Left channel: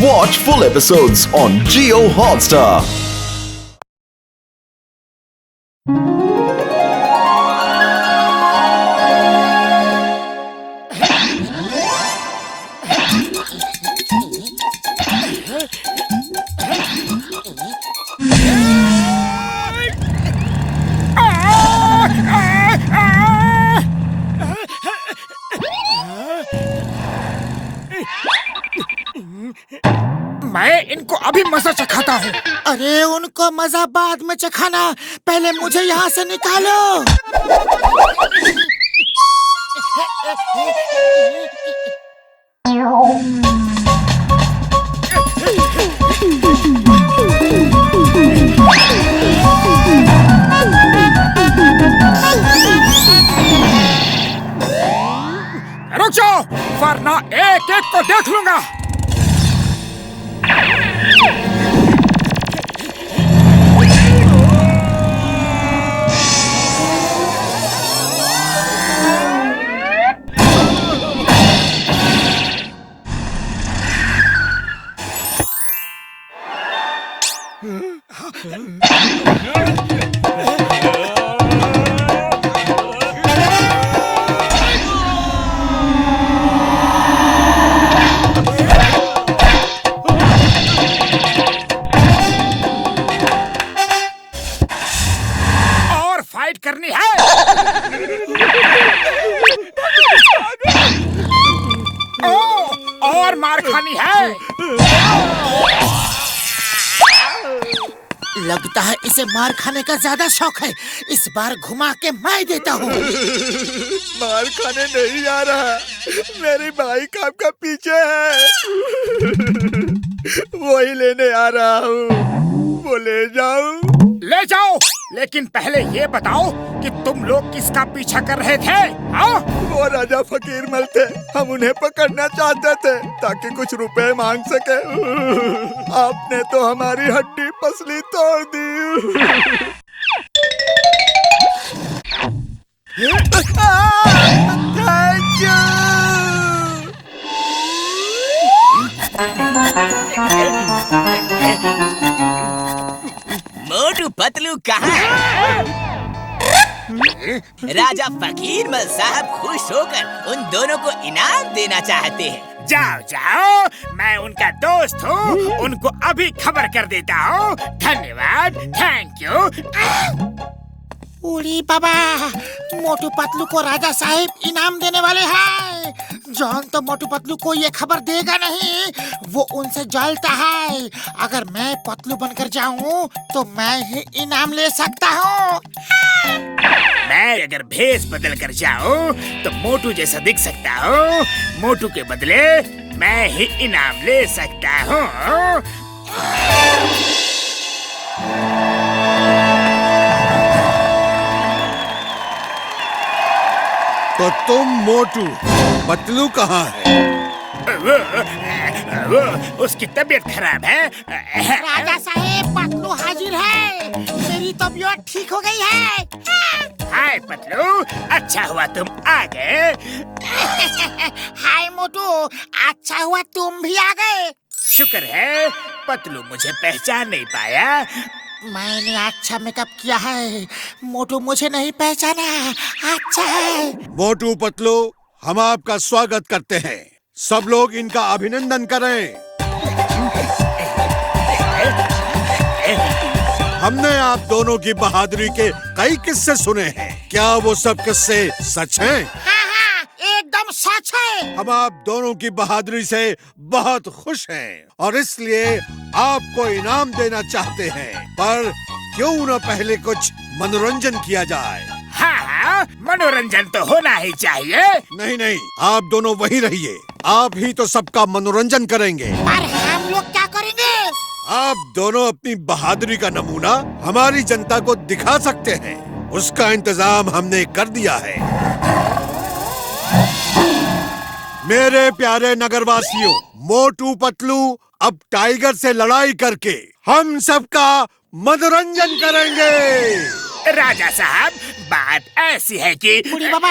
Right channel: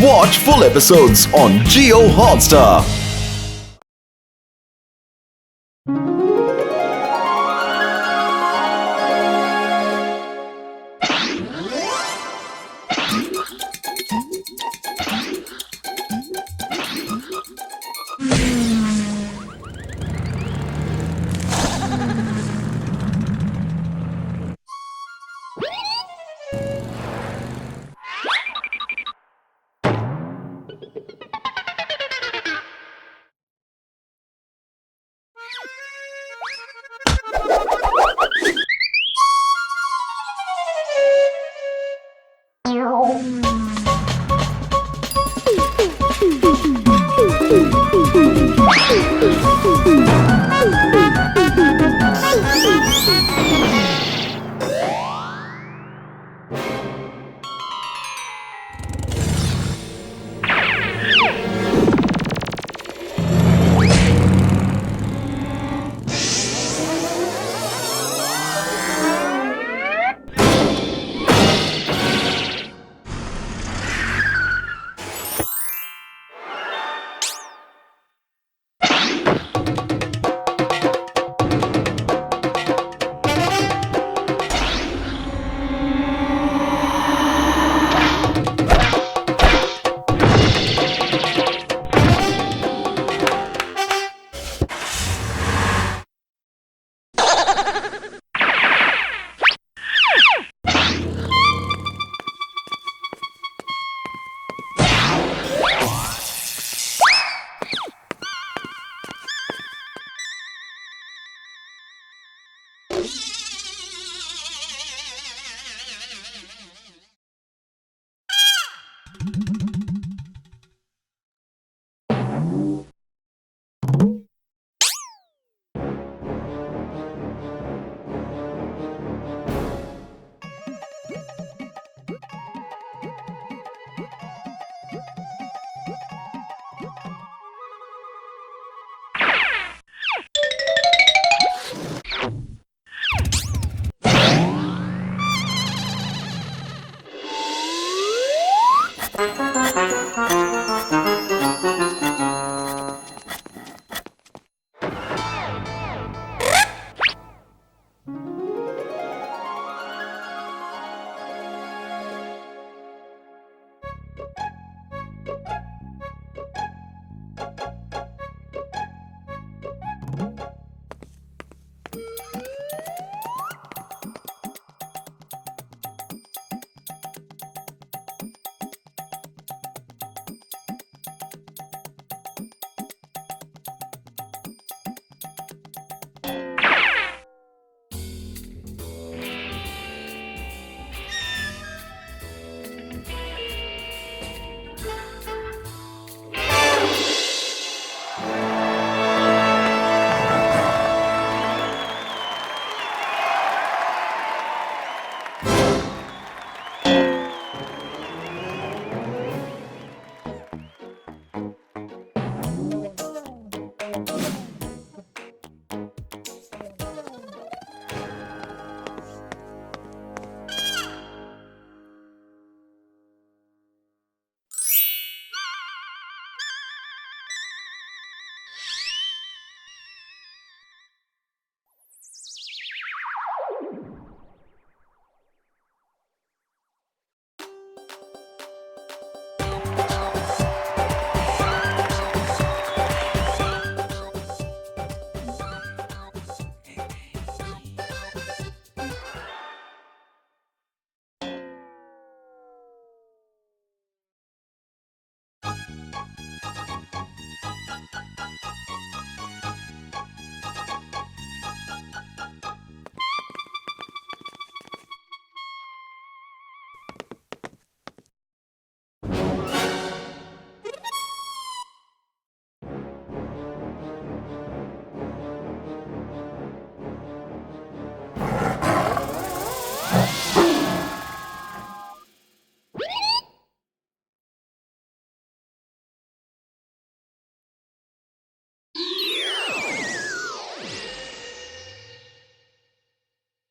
Watch full episodes on Jio Hotstar. मैं इनको अभी मजा चखाता हूँ। अरे उनको मजा बाद में चखाना, पहले मुझे यहाँ से निकालो। रुक जाओ, वरना एक एक को देख लूंगा। और फाइट करनी है। और मार खानी है। लगता है इसे मार खाने का ज्यादा शौक है। इस बार घुमा के मैं देता हूँ। मार खाने नहीं जा रहा, मेरी बाइक आपका पीछे है। वही लेने आ रहा हूँ, वो ले जाऊं? ले जाओ, लेकिन पहले ये बताओ कि तुम लोग किसका पीछा कर रहे थे? हाँ? वो राजा फकीर मल थे, हम उन्हें पकड़ना चाहते थे ताकि कुछ रुपए मांग सके। आपने तो हमारी हड्डी पसली तोड़ दी। Thank you. मोटू पतलू कहाँ है? राजा फकीर मल साहब खुश होकर उन दोनों को इनाम देना चाहते हैं। जाओ जाओ, मैं उनका दोस्त हूँ, उनको अभी खबर कर देता हूँ। धन्यवाद, थैंक यू। उड़ी बाबा, मोटू पतलू को राजा साहिब इनाम देने वाले हैं। जॉन तो मोटू पतलू को ये खबर देगा नहीं, वो उनसे जलता है। अगर मैं पतलू बनकर जाऊँ तो मैं ही इनाम ले सकता हूँ। मैं अगर भेष बदल कर जाऊँ तो मोटू जैसा दिख सकता हूँ। मोटू के बदले मैं ही इनाम ले सकता हूँ। तो तुम मोटू, पतलू कहाँ है? वो उसकी तबीयत खराब है। राजा साहिब, पतलू हाजिर है। मेरी तबीयत ठीक हो गई है। हाय पतलू, अच्छा हुआ तुम आ गए। हाय मोटू, अच्छा हुआ तुम भी आ गए। शुक्र है पतलू मुझे पहचान नहीं पाया। मैंने अच्छा मेकअप किया है, मोटू मुझे नहीं पहचाना। अच्छा है। मोटू पतलू, हम आपका स्वागत करते हैं। सब लोग इनका अभिनंदन करें। हमने आप दोनों की बहादुरी के कई किस्से सुने हैं। क्या वो सब किस्से सच हैं? हाँ हाँ, एकदम सच है। हम आप दोनों की बहादुरी से बहुत खुश हैं और इसलिए आपको इनाम देना चाहते हैं। पर क्यों न पहले कुछ मनोरंजन किया जाए? हाँ, मनोरंजन तो होना ही चाहिए। नहीं नहीं, आप दोनों वहीं रहिए। आप ही तो सबका मनोरंजन करेंगे। पर हम लोग क्या करेंगे? आप दोनों अपनी बहादुरी का नमूना हमारी जनता को दिखा सकते हैं। उसका इंतजाम हमने कर दिया है। मेरे प्यारे नगरवासियों, मोटू पतलू अब टाइगर से लड़ाई करके हम सबका मनोरंजन करेंगे। राजा साहब, बात ऐसी है कि बुढ़ी बाबा,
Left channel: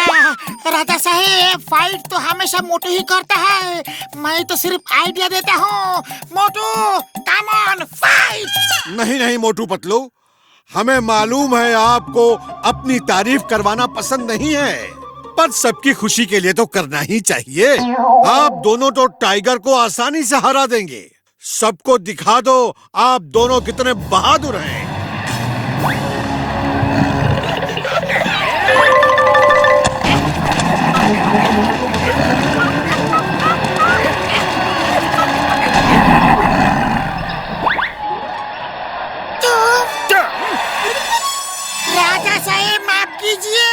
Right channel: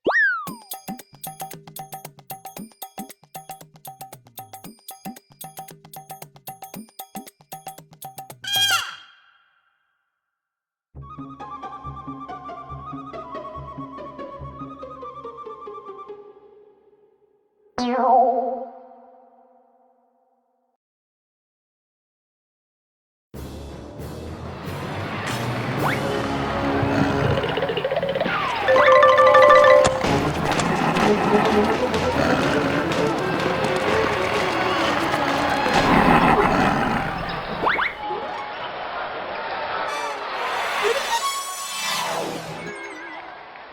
राजा साहेब फाइट तो हमेशा मोटू ही करता है, मैं तो सिर्फ आइडिया देता हूँ। मोटू कम ऑन फाइट। नहीं नहीं मोटू पतलू, हमें मालूम है आपको अपनी तारीफ करवाना पसंद नहीं है, पर सबकी खुशी के लिए तो करना ही चाहिए। आप दोनों तो टाइगर को आसानी से हरा देंगे। सबको दिखा दो आप दोनों कितने बहादुर हैं। राजा साहेब माफ कीजिए,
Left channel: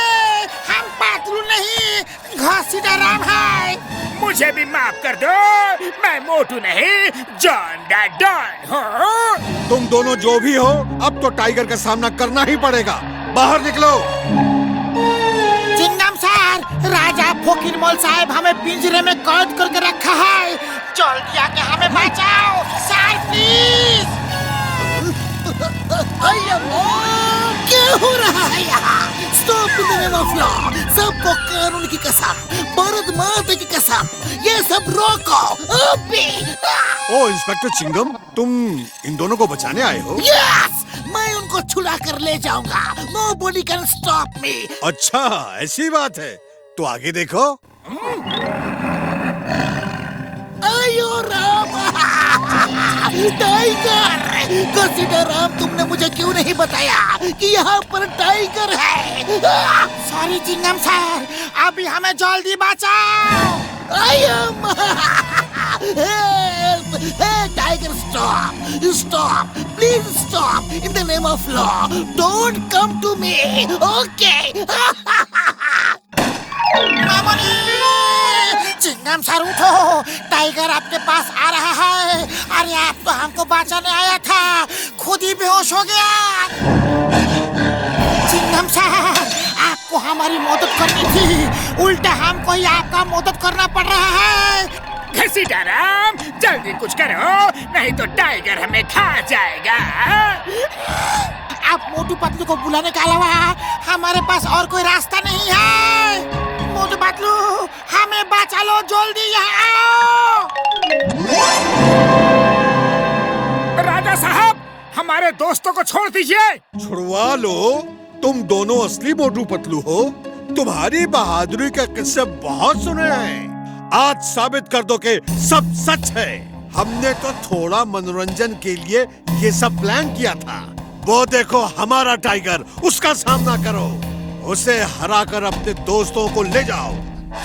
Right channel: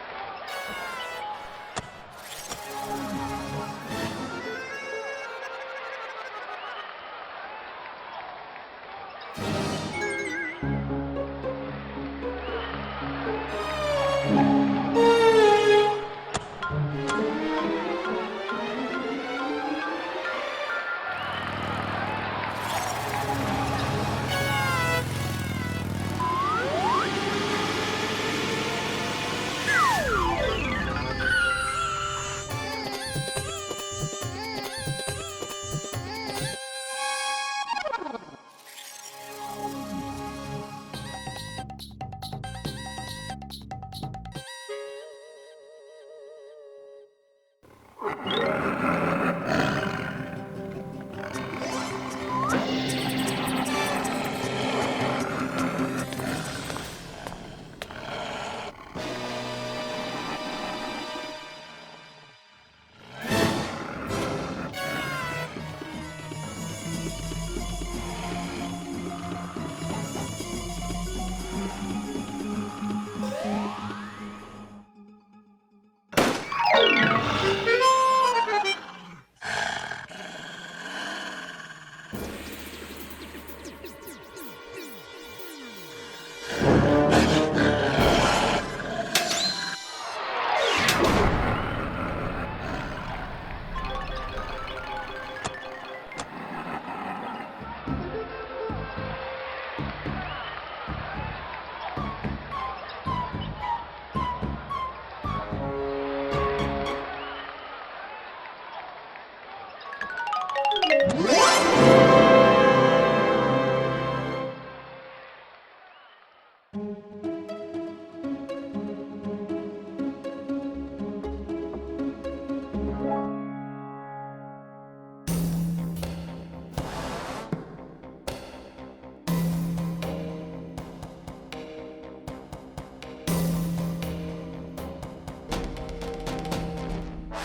हम पातलू नहीं घसीटा-राम है। मुझे भी माफ कर दो, मैं मोटू नहीं जॉन द डॉन हूँ। तुम दोनों जो भी हो, अब तो टाइगर का सामना करना ही पड़ेगा। बाहर निकलो। चिंगम सर, राजा फोकिरमोल साहब हमें पिंजरे में कैद करके रखा है, जल्दी आके हमें बचाओ सर प्लीज। क्या हो रहा है यहाँ? Stop the name of law. सबको कानून की कसम, भारत माता की कसम, ये सब रोको अभी। ओ इंस्पेक्टर चिंगम, तुम इन दोनों को बचाने आए हो? यस, मैं उनको छुड़ा कर ले जाऊंगा। Nobody can stop me। अच्छा ऐसी बात है, तो आगे देखो। आयो राम, टाइगर। घसीटा-राम, तुमने मुझे क्यों नहीं बताया कि यहाँ पर टाइगर है? सॉरी चिंगम सर, अभी हमें जल्दी बचाओ। आयो tiger, stop stop please stop in the name of law, don't come to me, okay? Chingam sir उठो, टाइगर आपके पास आ रहा है। अरे आप तो हमको बचाने आया था, खुद ही बेहोश हो गया। चिंगम सर, आपको हमारी मदद करनी थी, उल्टा हमको ही आपका मदद करना पड़ रहा है। घसीटा-राम, जल्दी कुछ करो, नहीं तो टाइगर हमें खा जाएगा। आप मोटू पतलू को बुलाने के अलावा हमारे पास और कोई रास्ता नहीं है। मोटू पतलू, हमें बचा लो, जल्दी यहाँ आओ। राजा साहब, हमारे दोस्तों को छोड़ दीजिए। छुड़वा लो, तुम दोनों असली मोटू पतलू हो। तुम्हारी बहादुरी का किस्से बहुत सुने हैं, आज साबित कर दो कि सब सच है। हमने तो थोड़ा मनोरंजन के लिए ये सब प्लान किया था। वो देखो हमारा टाइगर, उसका सामना करो, उसे हराकर अपने दोस्तों को ले जाओ।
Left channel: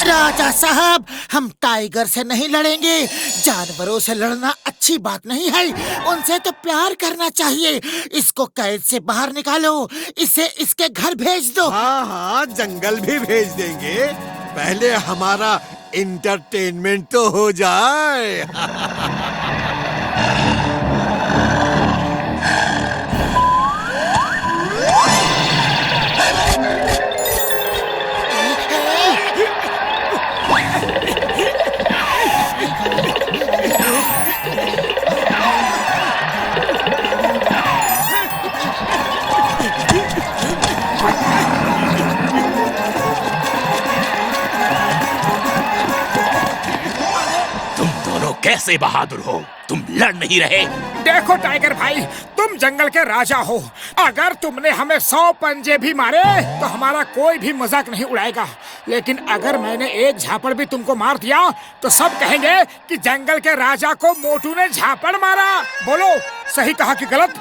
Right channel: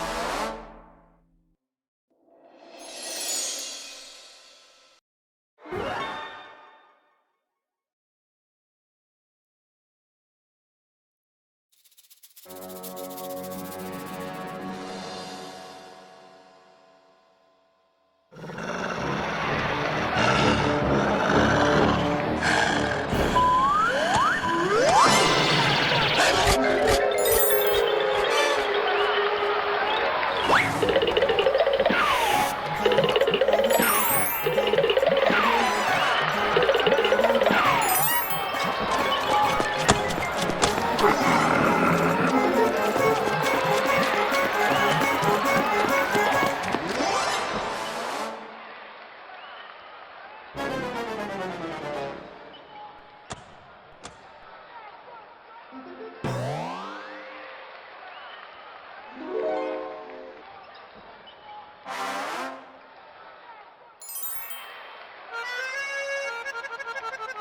राजा साहब, हम टाइगर से नहीं लड़ेंगे। जानवरों से लड़ना अच्छी बात नहीं है, उनसे तो प्यार करना चाहिए। इसको कैद से बाहर निकालो, इसे इसके घर भेज दो। हाँ हाँ, जंगल भी भेज देंगे, पहले हमारा इंटरटेनमेंट तो हो जाए। कैसे बहादुर हो, तुम लड़ नहीं रहे? देखो टाइगर भाई, तुम जंगल के राजा हो, अगर तुमने हमें 100 पंजे भी मारे तो हमारा कोई भी मजाक नहीं उड़ाएगा। लेकिन अगर मैंने एक झापड़ भी तुमको मार दिया तो सब कहेंगे कि जंगल के राजा को मोटू ने झापड़ मारा। बोलो, सही कहा कि गलत?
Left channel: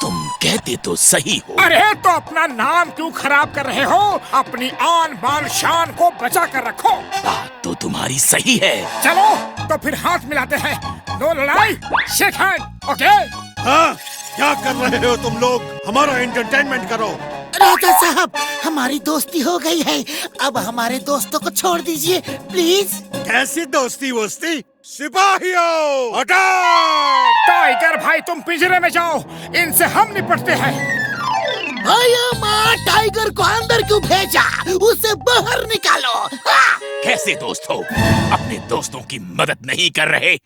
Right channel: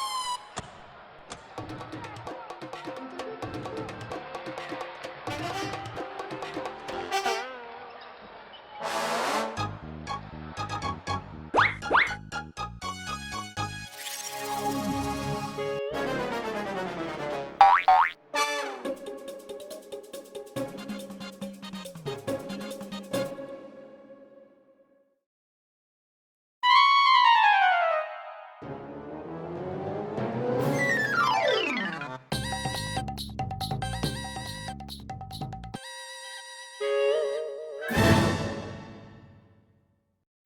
तुम कहते तो सही हो। अरे तो अपना नाम क्यों खराब कर रहे हो? अपनी आन बान शान को बचा कर रखो। बात तो तुम्हारी सही है। चलो तो फिर हाथ मिलाते हैं, नो लड़ाई, शेक हैंड, ओके? हाँ, क्या कर रहे हो तुम लोग? हमारा एंटरटेनमेंट करो। राजा साहब, हमारी दोस्ती हो गई है, अब हमारे दोस्तों को छोड़ दीजिए प्लीज। कैसी दोस्ती वोस्ती? सिपाहियों, अटैक! टाइगर भाई, तुम पिंजरे में जाओ, इनसे हम निपटते हैं। माँ, टाइगर को अंदर क्यों भेजा? उसे बाहर निकालो। हाँ! कैसे दोस्त हो, अपने दोस्तों की मदद नहीं कर रहे?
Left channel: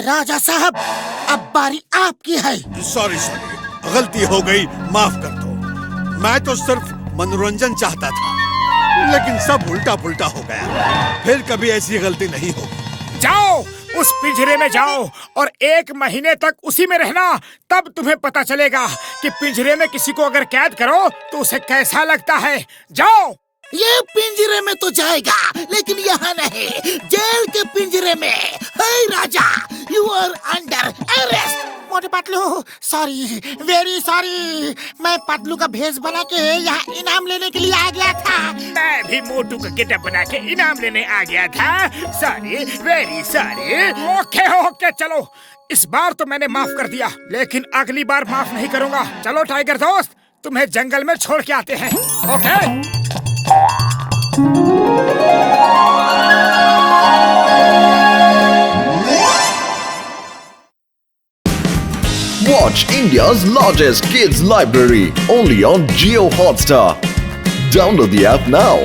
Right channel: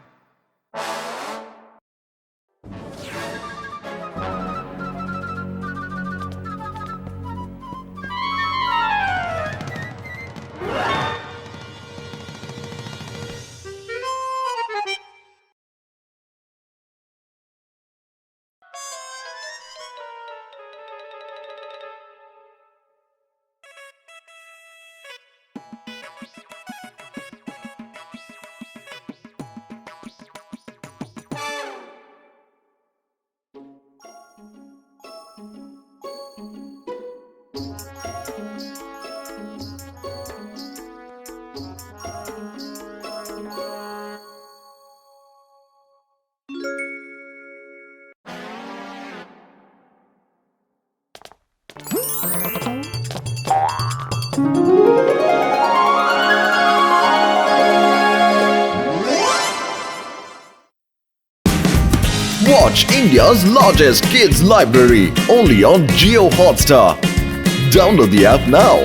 राजा साहब, अब बारी आपकी है। सॉरी सॉरी, गलती हो गई, माफ कर दो। मैं तो सिर्फ मनोरंजन चाहता था, लेकिन सब उल्टा पुल्टा हो गया। फिर कभी ऐसी गलती नहीं होगी। जाओ उस पिंजरे में जाओ और 1 महीने तक उसी में रहना, तब तुम्हें पता चलेगा कि पिंजरे में किसी को अगर कैद करो तो उसे कैसा लगता है। जाओ। ये पिंजरे में तो जाएगा, लेकिन यहाँ नहीं, जेल के पिंजरे में। हे राजा, यू आर अंडर अरेस्ट। मोटे पतलू, सॉरी, वेरी सॉरी। मैं पतलू का भेष बना के यहाँ इनाम लेने के लिए आ गया था। मैं भी मोटू का गेटअप बना के इनाम लेने आ गया था। Sorry, very sorry. ओके, चलो। इस बार तो मैंने माफ कर दिया, लेकिन अगली बार माफ नहीं करूँगा। चलो टाइगर दोस्त, तुम्हें जंगल में छोड़ के आते हैं। Okay? Watch India's largest kids library only on Jio Hotstar. Download the app now.